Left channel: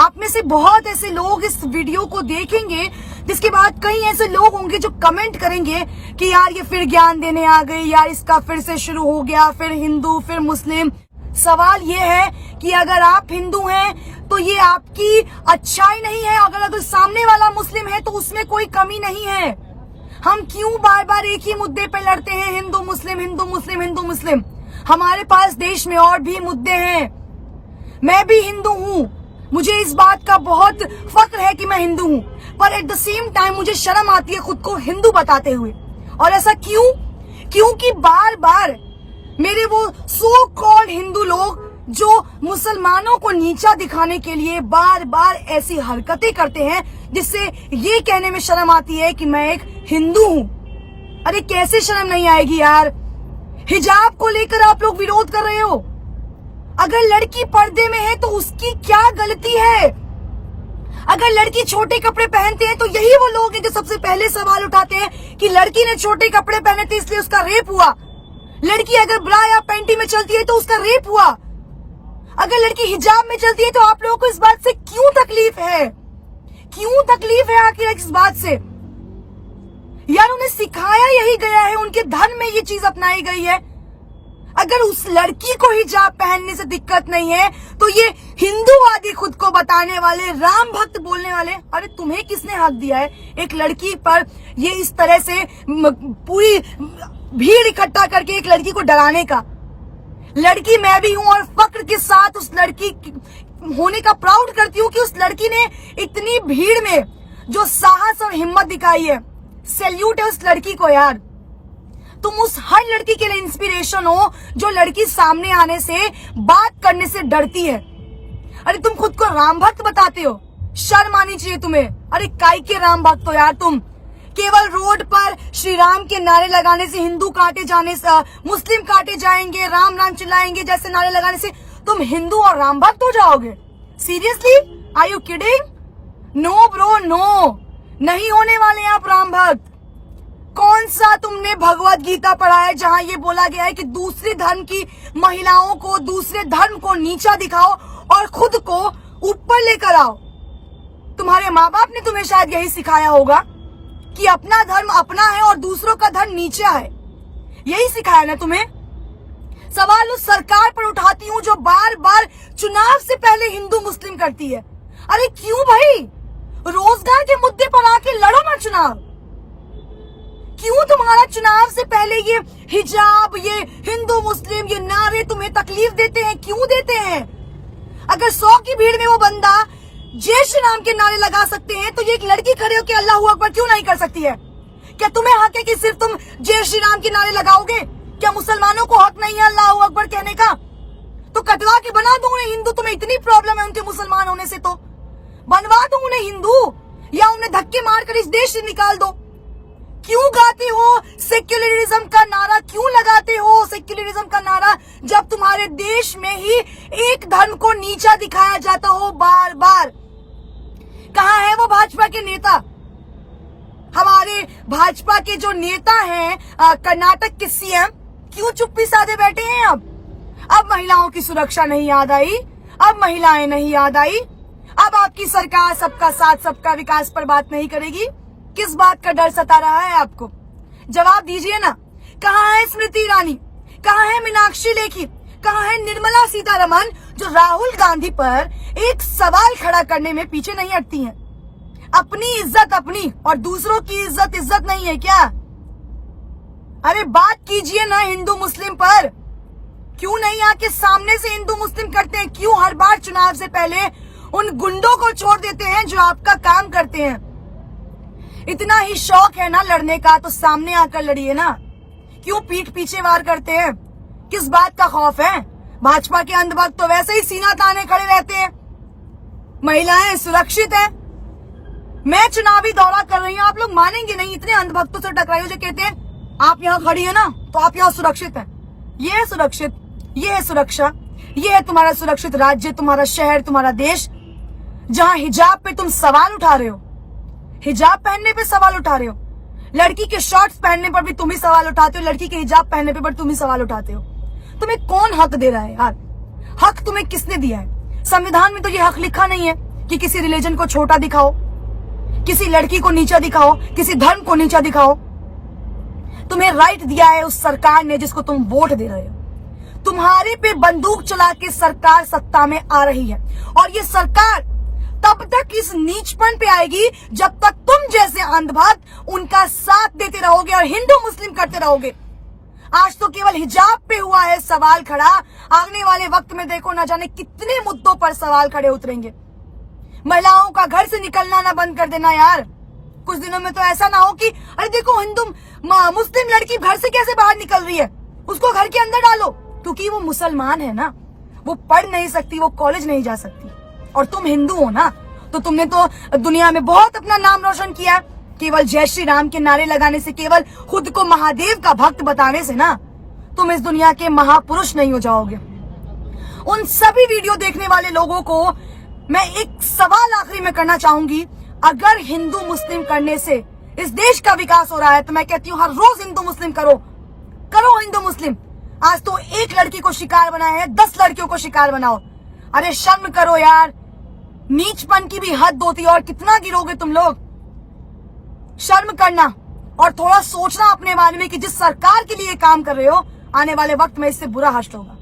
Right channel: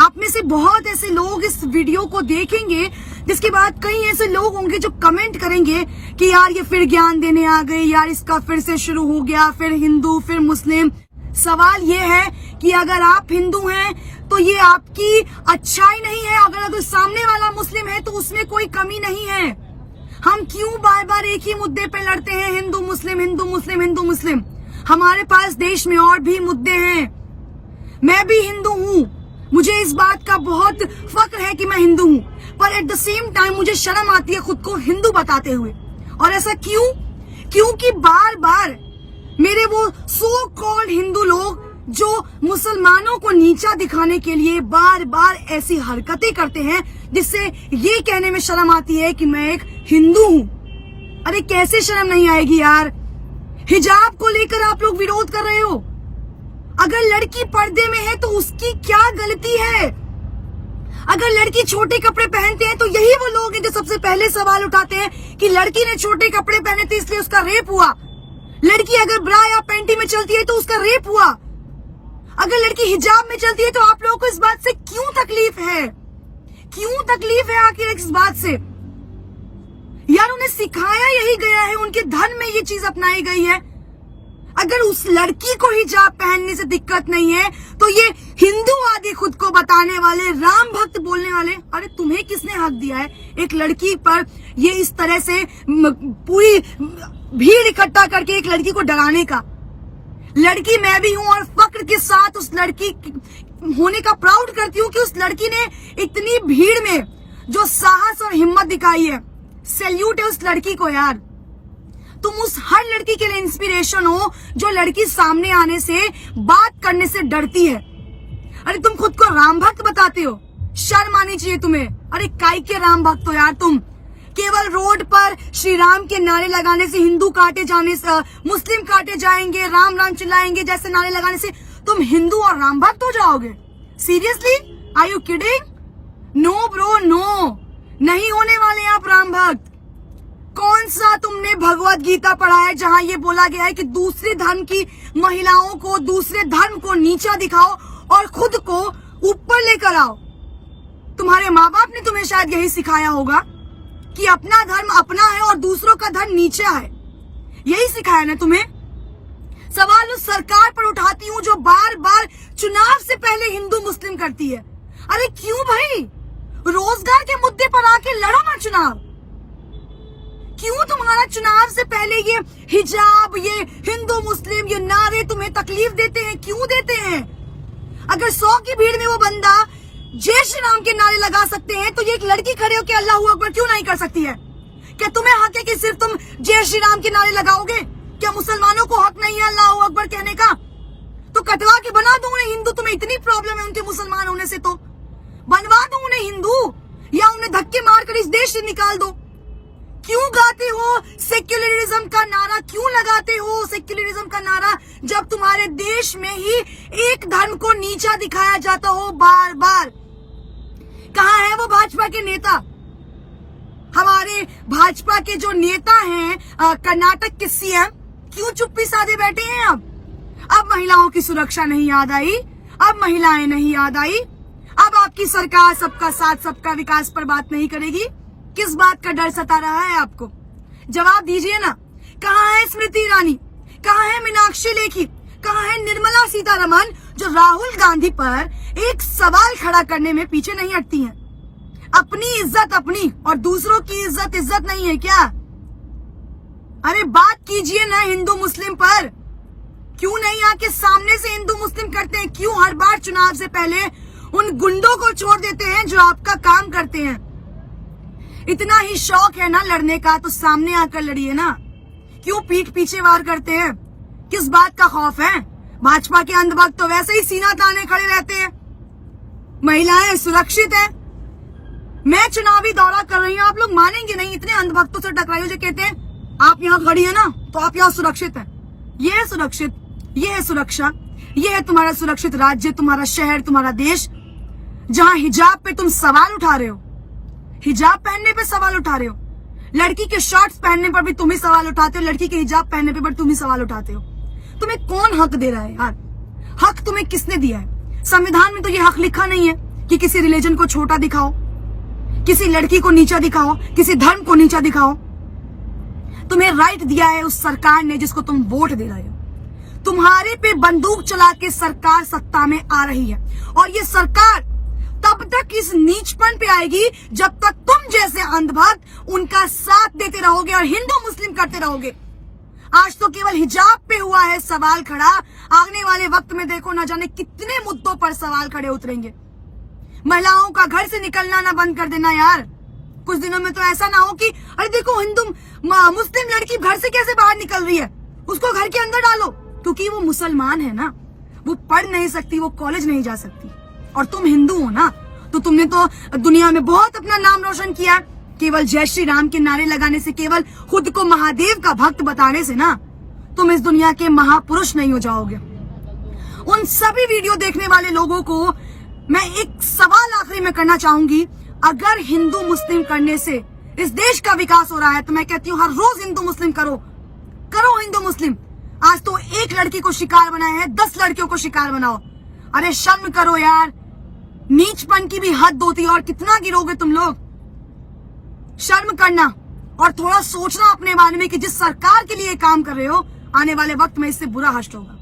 आप में से बहुत ऐसे लोग इस वीडियो को देखेंगे, जिसके बाद कई ऐसे लोग होंगे जो कमेंट करेंगे कि यार ये फिर ज्ञान देने आ गई, यार इसका फिर से शुरू हो गया, फिर हिंदू फिर मुस्लिम। सवाल ये है कि अगर आप हिंदू हैं तो ये आपकी अच्छाई नहीं है, अगर सामने वाला मुस्लिम है तो उसमें कोई कमी नहीं है। हम क्यों बार बार एक ही मुद्दे पे लड़ते हैं, हिंदू मुस्लिम हिंदू मुस्लिम हिंदू मुस्लिम? हमारे पास देश में और भी मुद्दे हैं। मैं भी हिंदू हूँ, मुझे इस बात का बहुत फक्र है कि मैं हिंदू हूँ, पर एट द सेम टाइम मुझे शर्म आती है खुद को हिंदू बताते हुए। और ऐसा क्यों? क्योंकि बार बार मेरे वो सो कॉल्ड हिंदू लोग जो मुसलमानों को नीचा दिखाने के लिए बार बार ऐसी हरकतें करते हैं, जिससे ये कहने में शर्म आती है कि मैं एक हिंदू हूँ। अरे कैसे शर्म नहीं आएगी यार? हिजाब को लेकर आप लोग विरोध कर रहे हो। अगर लड़की पर्दे में है तो उसकी क्या गलती है? अगर लड़की छोटे कपड़े पहनते हैं तो यही वो लोग हैं जो सबसे पहले सवाल उठाते हैं कि लड़की ने छोटे कपड़े पहने थे इसलिए उसका रेप हुआ। लड़की अगर ब्रा या पैंटी में चलती है तो उसका रेप हुआ। अगर लड़की हिजाब में चलती है तो आप लोगों को इस बात से क्यों तकलीफ है? क्यों तकलीफ है आखिर इस बात से? यार उन्हें सिखाया यही गया है, उनके धर्म में ये चीज अपनाई गई है। अगर उस लड़की को हिजाब पहनने से दिक्कत नहीं है तो ये हिंदूवादी खुद को बताने वाले, राम भक्त बोलने वाले, अरे तुम्हें किसने हक दिया है एक लड़की पर ये इस तरह से पूरी भीड़ इकट्ठा करके एक लड़की को डराने का? लड़की मैं भी हूं और फक्र के साथ उस लड़की होने का प्राउड करती हूँ कि उस लड़की ने इतनी भीड़ में जो साहस और हिम्मत दिखाई है। सैल्यूट है उस लड़की को यार। तुम उस हर लड़की के लिए इंस्पिरेशन हो जो लड़की सामने आने से, बात करने से डरती है। अरे तुम खुद को राम भक्त बताते हो, शर्म आनी चाहिए तुम्हें। अरे काय के राम भक्त हो यार तुम? केवल रोड पर श्री राम के नारे लगाने से, हिंदू काटे जाने से, मुस्लिम काटे जाएंगे, राम राम चिल्लाएंगे जैसे नारे लगाने से तुम हिंदू और राम भक्त हो जाओगे? Seriously? Are you kidding? No bro no, नहीं होने वाले आप राम भक्त। कौन सा तुमने भगवत गीता पढ़ा है जहां ये बोला गया है कि दूसरे धर्म की महिलाओं को, दूसरे धर्म को नीचा दिखाओ और खुद को ऊपर लेकर आओ? तुम्हारे माँ बाप ने तुम्हें शायद यही सिखाया होगा कि अपना धर्म अपना है और दूसरों का धर्म नीचा है। यही सिखाया ना तुम्हें? सवाल उस सरकार पर उठाती हूँ जो बार बार चुनाव से पहले हिंदू मुस्लिम करती है। अरे क्यों भाई? रोजगार के मुद्दे पर आके लड़ो ना चुनाव। क्यों तुम्हारा चुनाव से पहले ये हिजाब, ये हिंदू मुस्लिम, ये नारे तुम्हें तकलीफ देते हैं? क्यों देते हैं? अगर 100 की भीड़ में वो बंदा जय श्री राम के नारे लगा सकते हैं तो ये एक लड़की खड़े होकर अल्लाह अकबर क्यों नहीं कर सकती है? क्या तुम्हें हक है कि सिर्फ तुम जय श्री राम के नारे लगाओगे? क्या मुसलमानों को हक नहीं है अल्लाह अकबर कहने का? तो कटवा के बना दो उन्हें हिंदू। तुम्हें इतनी प्रॉब्लम है उनके मुसलमान होने से तो बनवा दो उन्हें हिंदू, या उन्हें धक्के मारकर इस देश से निकाल दो। क्यों गाते हो सेक्युलरिज्म का नारा? क्यों लगाते हो सेक्युलरिज्म का नारा जब तुम्हारे देश में ही एक धर्म को नीचा दिखाया जाता हो बार बार? कहाँ है वो भाजपा के नेता? हमारे भाजपा के जो नेता हैं कर्नाटक के सीएम, क्यों चुप्पी साधे बैठे हैं? अब महिलाओं की सुरक्षा नहीं याद आई? अब महिलाएं नहीं याद आई? अब आपकी सरकार सबका साथ सबका विकास पर बात नहीं करेगी? किस बात का डर सता रहा है आपको? जवाब दीजिए ना। कहाँ है स्मृति ईरानी? कहाँ है मीनाक्षी लेखी? कहाँ है निर्मला सीतारमण जो राहुल गांधी पर एक सवाल खड़ा करने में पीछे नहीं हटती हैं? अपनी इज्जत अपनी और दूसरों की इज्जत नहीं है क्या? अरे बात कीजिए ना हिंदू मुस्लिम पर। क्यों नहीं आके सामने से हिंदू मुस्लिम करते हैं? क्यों हर बार चुनाव से पहले उन गुंडों को छोड़ देते हैं जो आपका काम करते हैं? इतना ही शौक है ना लड़ने का तो सामने आकर लड़िए ना। क्यों पीठ पीछे वार करते हैं? किस बात का खौफ है? भाजपा के अंधभक्त तो वैसे ही सीना ताने खड़े रहते हैं। महिलाएं सुरक्षित है। मैं चुनावी दौरा कर रही हूँ, आप लोग मानेंगे नहीं, इतने अंधभक्तों से टकराई हूँ जो कहते हैं आप यहाँ खड़ी है ना तो आप यहाँ सुरक्षित है। ये है सुरक्षित, ये है सुरक्षा, ये है तुम्हारा सुरक्षित राज्य, तुम्हारा शहर, तुम्हारा देश, जहाँ हिजाब पे तुम सवाल उठा रहे हो। हिजाब पहनने पे सवाल उठा रहे हो। लड़की के शॉर्ट्स पहनने पर भी तुम ही सवाल उठाते हो, लड़की के हिजाब पहनने पे पर तुम ही सवाल उठाते हो। तुम्हें कौन हक दे रहा है यार? हक तुम्हें किसने दिया है? संविधान में तो ये हक लिखा नहीं है कि किसी रिलीजन को छोटा दिखाओ, किसी लड़की को नीचा दिखाओ, किसी धर्म को नीचा दिखाओ। तुम्हें राइट दिया है उस सरकार ने जिसको तुम वोट दे रहे हो। तुम्हारे पे बंदूक चला के सरकार सत्ता में आ रही है और ये सरकार तब तक इस नीचपन पे आएगी जब तक तुम जैसे अंधभक्त उनका साथ देते रहोगे और हिंदू मुस्लिम करते रहोगे। आज तो केवल हिजाब पे हुआ है सवाल खड़ा, आने वाले वक्त में देखो न जाने कितने मुद्दों पर सवाल खड़े उतरेंगे। महिलाओं का घर से निकलना ना बंद कर देना यार। कुछ दिनों में तो ऐसा ना हो कि अरे देखो हिंदू मुस्लिम लड़की घर से कैसे बाहर निकल रही है, उसको घर के अंदर डालो, क्योंकि वो मुसलमान है ना, वो पढ़ नहीं सकती, वो कॉलेज नहीं जा सकती। और तुम हिंदू हो ना, तो तुमने तो दुनिया में बहुत अपना नाम रोशन किया। केवल जय श्री राम के नारे लगाने से, केवल खुद को महादेव का भक्त बताने से ना तुम इस दुनिया के महापुरुष नहीं हो जाओगे। उन सभी वीडियो देखने वाले लोगों को मैं एक सवाल आखिरी में करना चाहूंगी, अगर हिंदू मुस्लिम करने से इस देश का विकास हो रहा है तो मैं कहती हूँ हर रोज हिंदू मुस्लिम करो हिंदू मुस्लिम। आज तो एक लड़की को शिकार बनाए हैं, 10 लड़कियों को शिकार बनाओ। अरे शर्म करो यार, नीचपन की भी हद होती है और कितना गिरोगे तुम लोग। शर्म करना और थोड़ा सोचना अपने बारे में कि जिस सरकार के लिए काम कर रहे हो आने वाले वक्त में इससे बुरा हश्र होगा।